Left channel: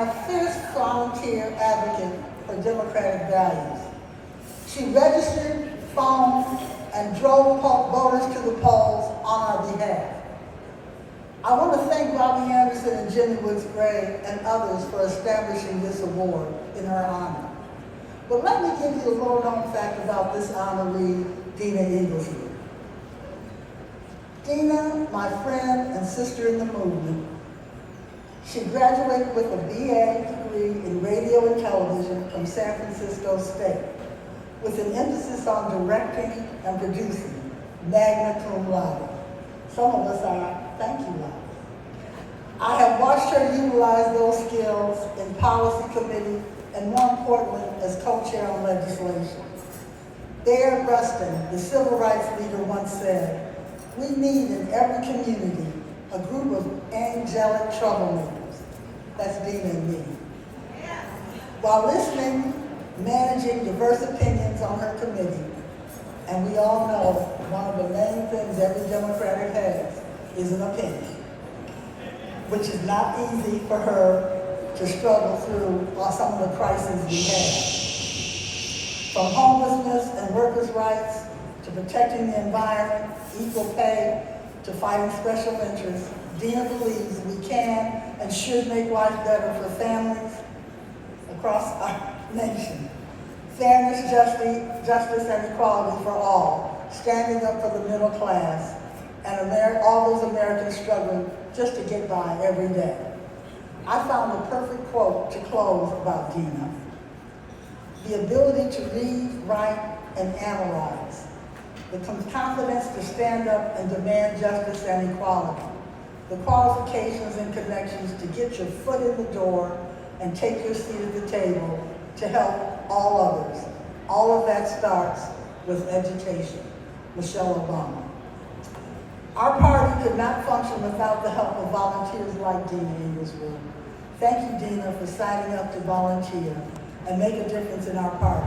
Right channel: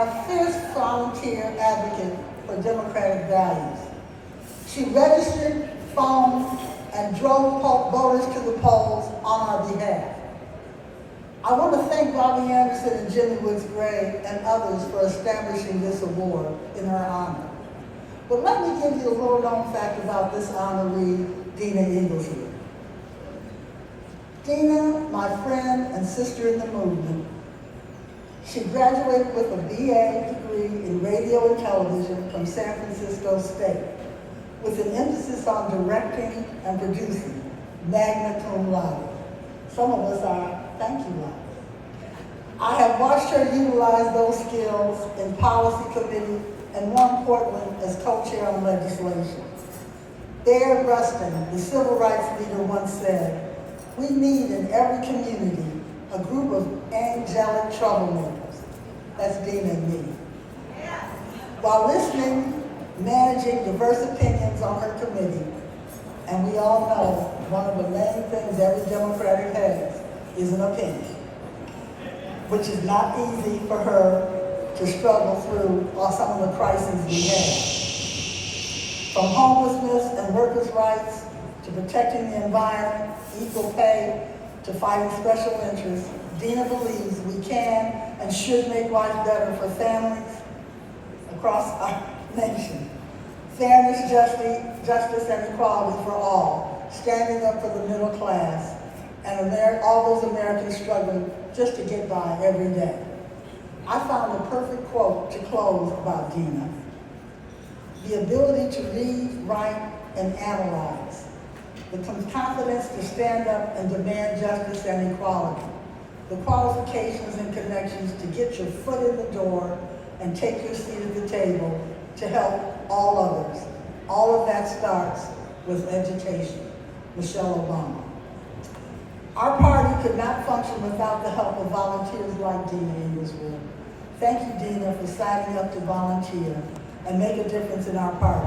and a fierce volunteer advocate for democratic values. She registered, phoned, and drove voters to the polls on our behalf. I want to thank Bobby Anderson and Jimmy Woods Gray and others for establishing this award in her honor. But let me give you a little known fact about this honoree, Deana Igelsrud. Deana, my friend and sister in the movement, she graduated with a BA degree in radio and television from San Francisco State, with an emphasis on directing and producing, magna cum laude. Some of us are thank you laude. I have watched her utilize those skills in policy committee and more importantly, as co-chair on legislation. Bear Rustin, the civil rights leader, once said, "We need in every community a group of angelic troublemakers." That's Deana and me. While listening, managing diverse opinions on her committee, and we all know one of the main things every Democrat has is an opinion, which is not easy for her to struggle through some of the crises we have. From homelessness and workers' rights, to protecting the environment, equal pay, to fighting special interests, Deana believes we can and should make life better for families across our nation. Fairness, justice, and equality for all, standing up for the middle class, and all those Americans struggling just to get by every day. I found the perfect quote to close about Deana. The ability to read, write, and analyze. The confidence to stand up and demand justice and equality. The qualifications and connections to get your foot in the door and take your seat at the table to help all others. All of that starts with education. Michelle Obama. Our party could not function without the help of volunteers like Deana Igelsrud. Thank you, Deana, for signing up to volunteer and make a difference in our party.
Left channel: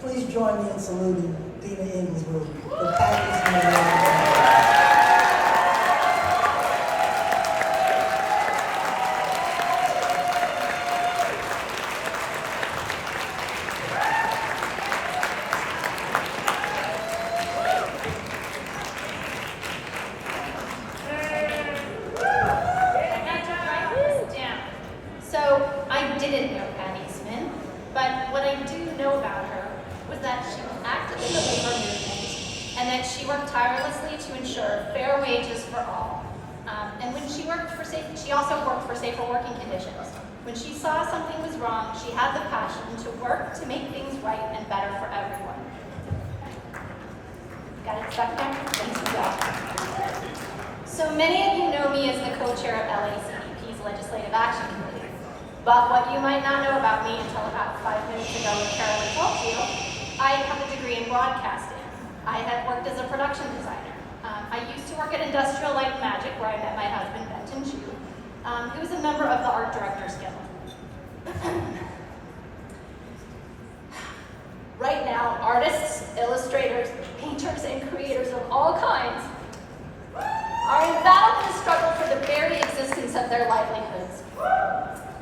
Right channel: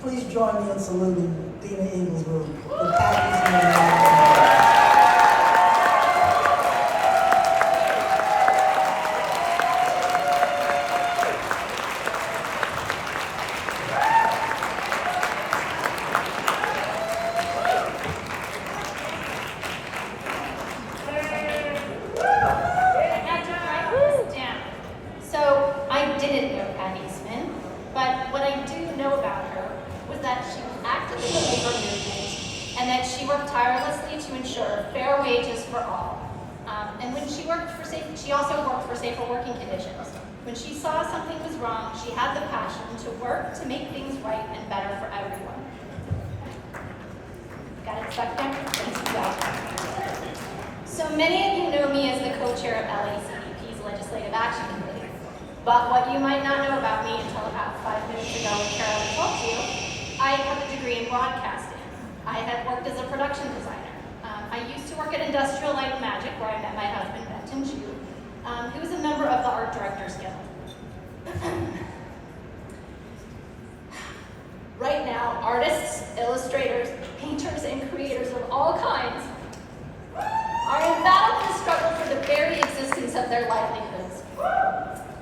Please join me in saluting Deana Igelsrud, the Pat Eastman Award. And that she worked tirelessly to ensure fair wages for all. And when she worked for she also worked for safer working conditions. When she saw something was wrong, she had the passion to work to make things right and better for everyone. Got it stuck there? Thanks to you all. So many of you know me as the co-chair of LACDP's Legislative Action Committee. But what you might not know about me until about 5 minutes ago when Carolyn told you, I have a degree in broadcasting. I have worked as a production designer. I used to work at Industrial Light and Magic, where I met my husband, Benton Chu, who is a member of the Art Directors Guild. Right now, artists, illustrators, painters, and creators of all kinds are in battle and struggle for the very existence of their livelihoods.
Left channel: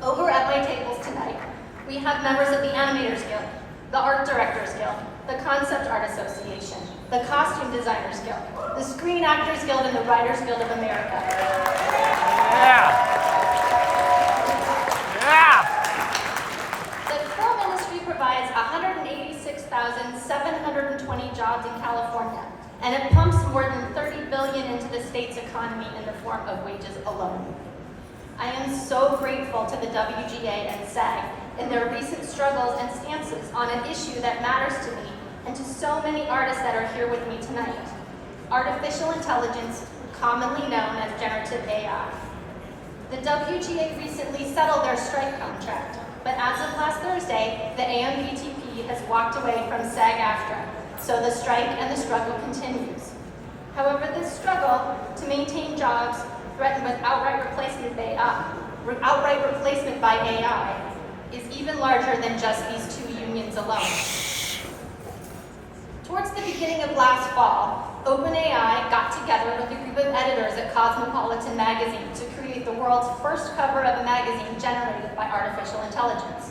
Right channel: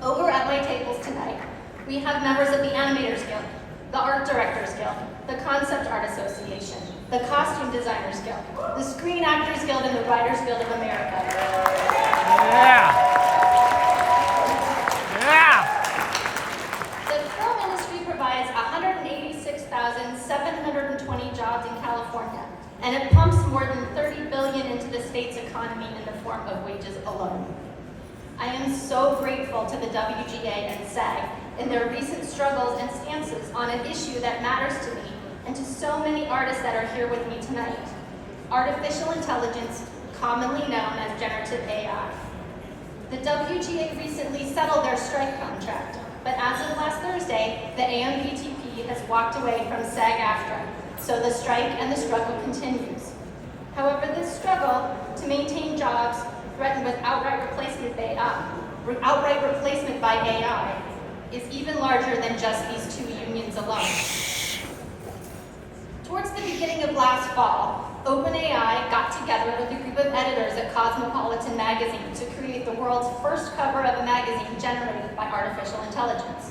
Over at my tables tonight, we have members of the Animators Guild, the Art Directors Guild, the Concept Art Association, the Costume Designers Guild, the Screen Actors Guild, and the Writers Guild of America. Yeah. The film industry provides 186,720 jobs in California, and it pumps more than $30 billion into the state's economy in the form of wages alone. I am so grateful to the WGA and SAG in their recent struggles and stances on an issue that matters to me and to so many artists that are here with me tonight. Artificial intelligence, commonly known as generative AI. The WGA recently settled their strike contract, but as of last Thursday, the AMPTP has walked away from SAG-AFTRA, so the strike and the struggle continues. However, this struggle to maintain jobs threatened with outright replacement by AI is even larger than just these two unions alone. Towards the beginning of last fall, OpenAI got together with a group of editors at Cosmopolitan magazine to create the world's first cover of a magazine generated by artificial intelligence.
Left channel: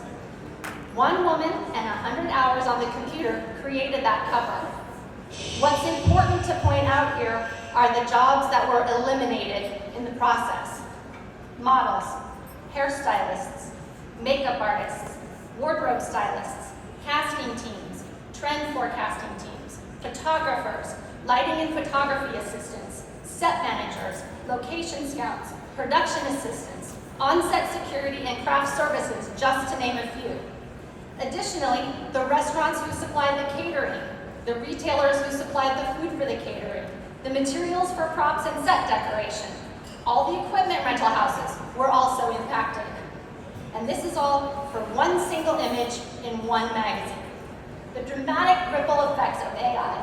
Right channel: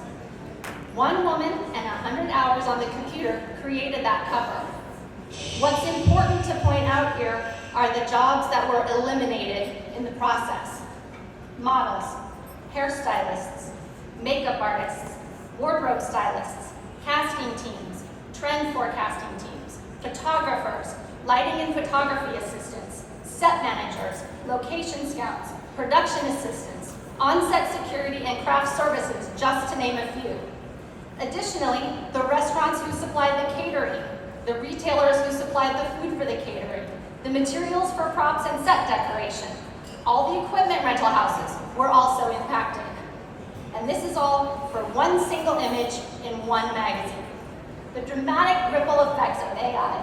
One woman and 100 hours on the computer created that cover. What's important to point out here are the jobs that were eliminated in the process. Models, hairstylists, makeup artists, wardrobe stylists, casting teams, trend forecasting teams, photographers, lighting and photography assistants, set managers, location scouts, production assistants, on-set security and craft services, just to name a few. Additionally, the restaurants who supplied the catering, the retailers who supplied the food for the catering, the materials for props and set decoration, all the equipment rental houses were also impacted. And this is all for one single image in one magazine. The dramatic ripple effects of AI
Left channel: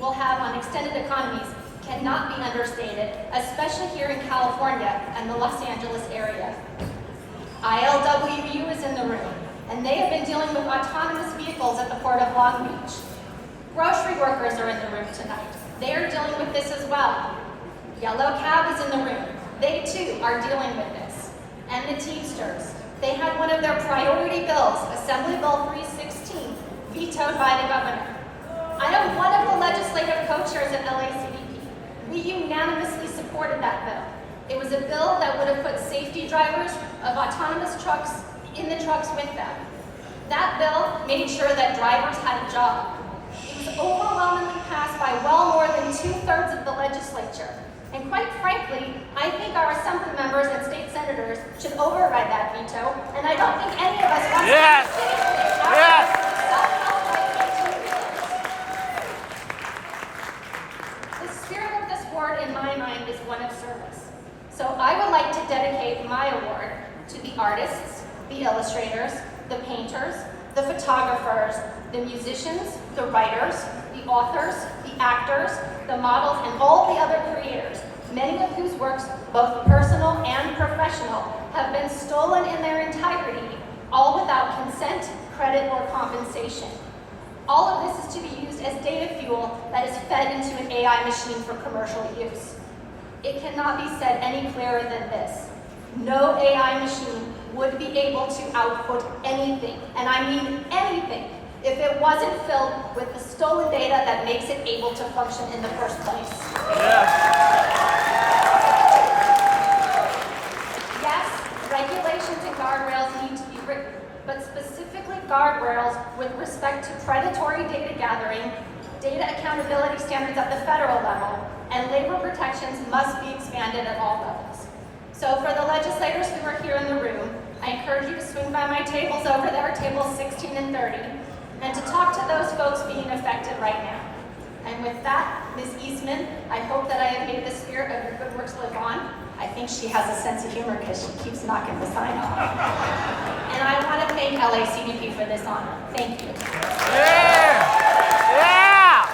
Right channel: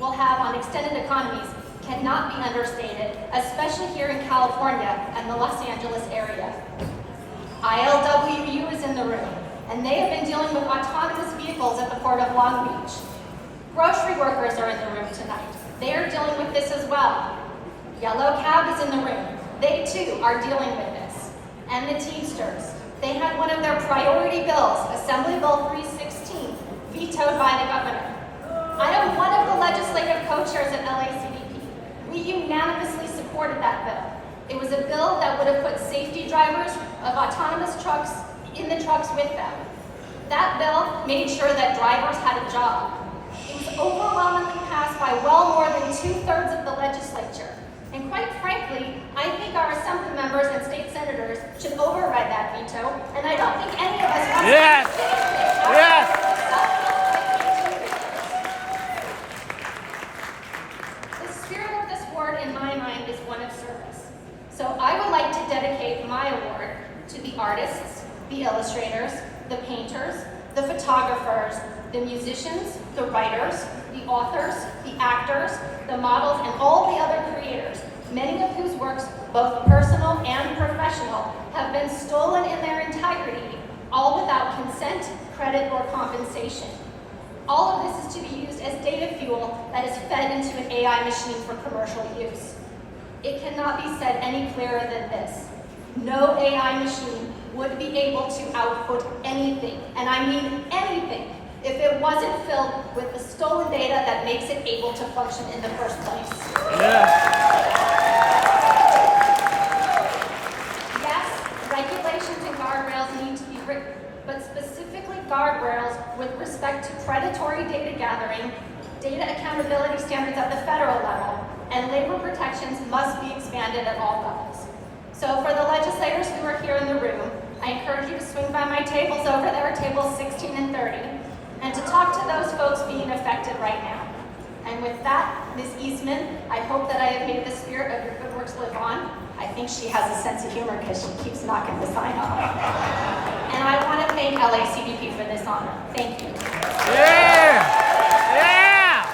will have on extended economies cannot be understated, especially here in California and the Los Angeles area. ILWU is in the room, and they have been dealing with autonomous vehicles at the Port of Long Beach. Grocery workers are in the room tonight. They are dealing with this as well. Yellow Cab is in the room. They too are dealing with this. And the Teamsters. They had one of their priority bills, Assembly Bill 316, vetoed by the governor. I am one of the legislative co-chairs at LACDP. We unanimously supported that bill. It was a bill that would have put safety drivers of autonomous trucks in the trucks with them. That bill made sure that drivers had a job. It was overwhelmingly passed by well more than 2/3 of the legislature. And quite frankly, I think our assembly members and state senators should override that veto, and I don't think any of us want Yes. to Yes. The spirit of this award, in my mind, is one of service. So I would like to dedicate my award to the artists, the illustrators, the painters, the photographers, the musicians, the writers, the authors, the actors, the models, and all the other creators, many of whose works, both personal and professional, have been stolen in their entirety, all without consent, credit, or compensation. All of this is to be used as data fuel that is fed into an AI machine for commercial use. It cannot be said any clearer than this. No AI machine would be able to output anything, and I mean anything, if it wasn't filled with the stolen data that makes it able to function in the first place. Yes, regulations and guardrails need to be written, but specifically guardrails with respect to predatory data gathering, data accountability standards at the federal level, and labor protections must be expanded at all levels. So for the legislators who are here in the room, I encourage you to swing by my tables over there, tables 16 and 30, and to talk to those folks being affected right now. And with that, Ms. Eastman, I hope that I have made the spirit of your good works live on. I think she has a sense of humor because she keeps knocking the sign off. And I want to thank LACDP for this honor. Thank you. Yeah! Yeah!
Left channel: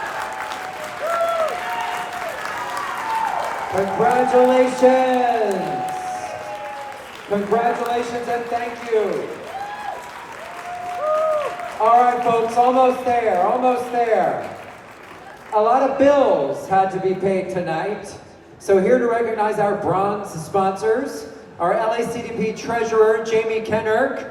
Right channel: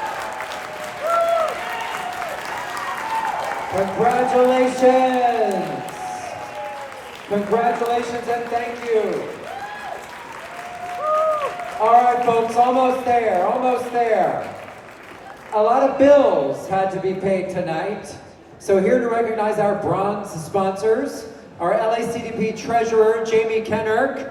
Congratulations! Congratulations and thank you. All right, folks, almost there, almost there. A lot of bills had to be paid tonight. So here to recognize our bronze sponsors, our LACDP treasurer, Jamie Kennerk.